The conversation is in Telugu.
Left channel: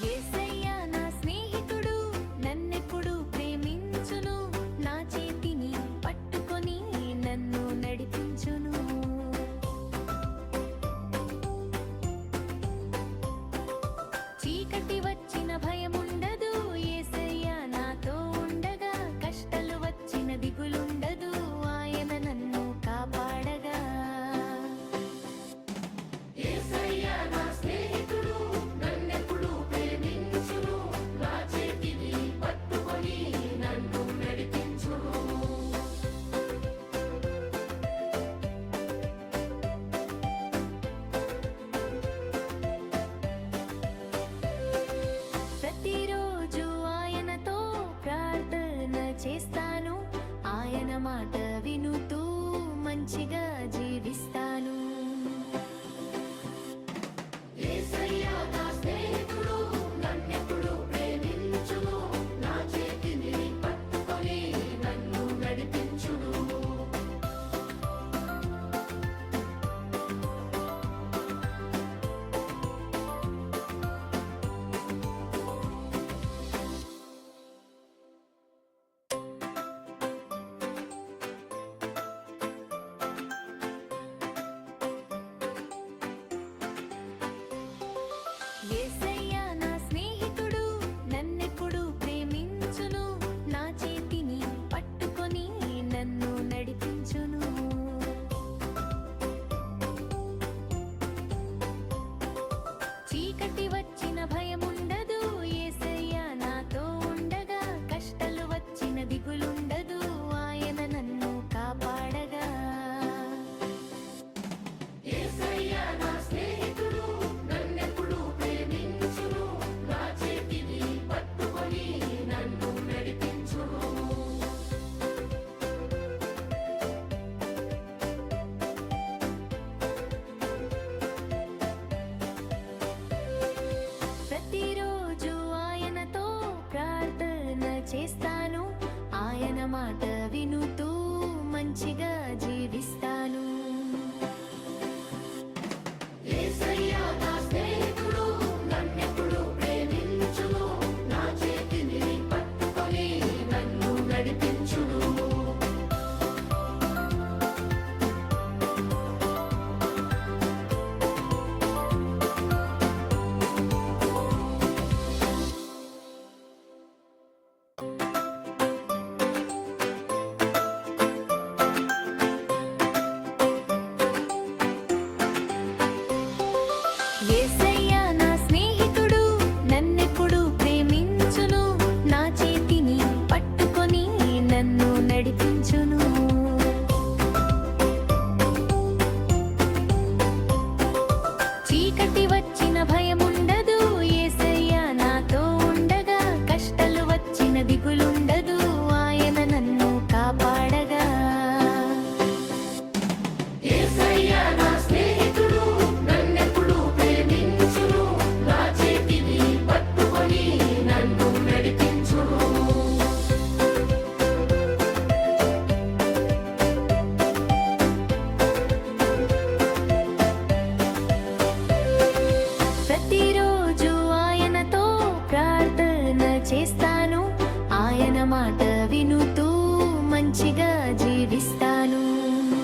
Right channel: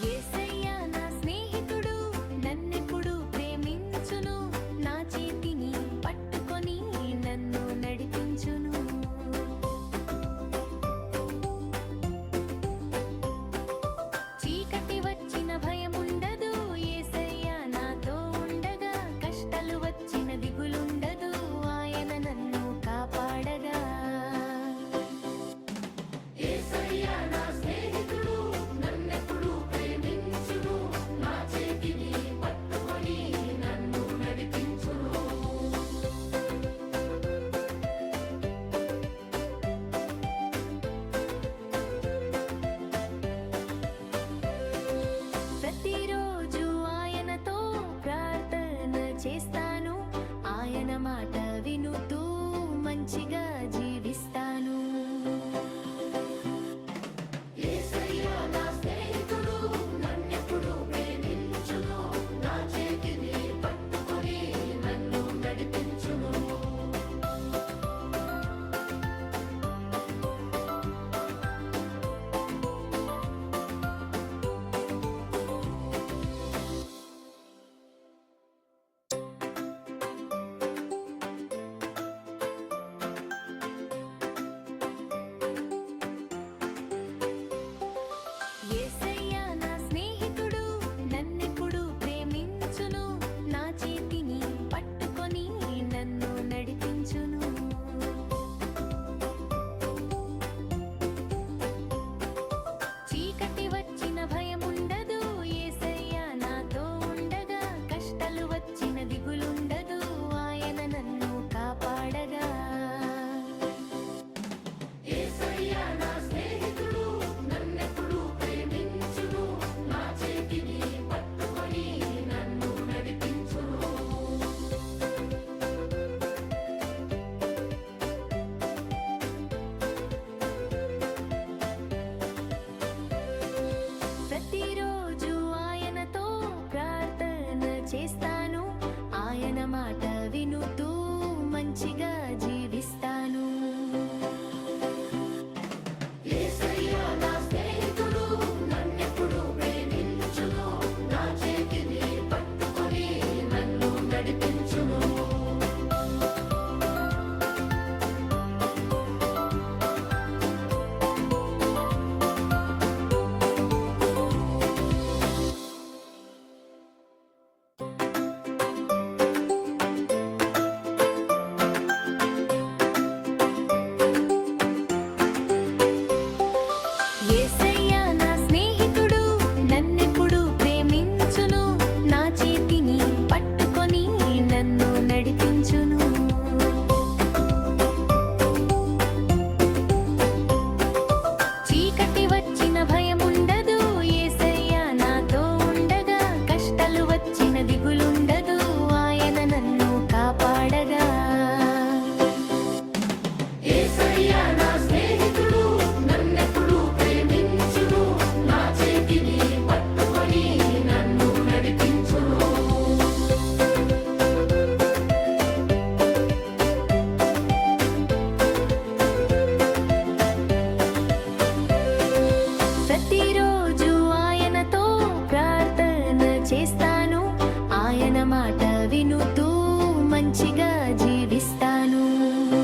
యేసయ్యా నా స్నేహితుడు నన్నెప్పుడు ప్రేమించును, నా చేతిని పట్టుకొని నన్ను నడిపించును. చీకటి వచ్చిన భయముండదు, యేసయ్యా నాతో ఉండగా. కష్టాలు వచ్చిన దిగులుండదు, ఆయన నన్ను కాపాడగా. ప్రతిరోజు ఆయనతో ప్రార్థన చేస్తాను, ఆయన మాట వినుతూ మంచిగా జీవిస్తాను. యేసయ్యా నా స్నేహితుడు నన్నెప్పుడు ప్రేమించును, నా చేతిని పట్టుకొని నన్ను నడిపించును. యేసయ్యా నా స్నేహితుడు నన్నెప్పుడు ప్రేమించును, నా చేతిని పట్టుకొని నన్ను నడిపించును. చీకటి వచ్చిన భయముండదు, యేసయ్యా నాతో ఉండగా. కష్టాలు వచ్చిన దిగులుండదు, ఆయన నన్ను కాపాడగా. ప్రతిరోజు ఆయనతో ప్రార్థన చేస్తాను, ఆయన మాట వినుతూ మంచిగా జీవిస్తాను. యేసయ్యా నా స్నేహితుడు నన్నెప్పుడు ప్రేమించును, నా చేతిని పట్టుకొని నన్ను నడిపించును. యేసయ్యా నా స్నేహితుడు నన్నెప్పుడు ప్రేమించును, నా చేతిని పట్టుకొని నన్ను నడిపించును. చీకటి వచ్చిన భయముండదు, యేసయ్యా నాతో ఉండగా. కష్టాలు వచ్చిన దిగులుండదు, ఆయన నన్ను కాపాడగా. యేసయ్యా నా స్నేహితుడు నన్నెప్పుడు ప్రేమించును, నా చేతిని పట్టుకొని నన్ను నడిపించును. ప్రతిరోజు ఆయనతో ప్రార్థన చేస్తాను, ఆయన మాట వినుతూ మంచిగా జీవిస్తాను.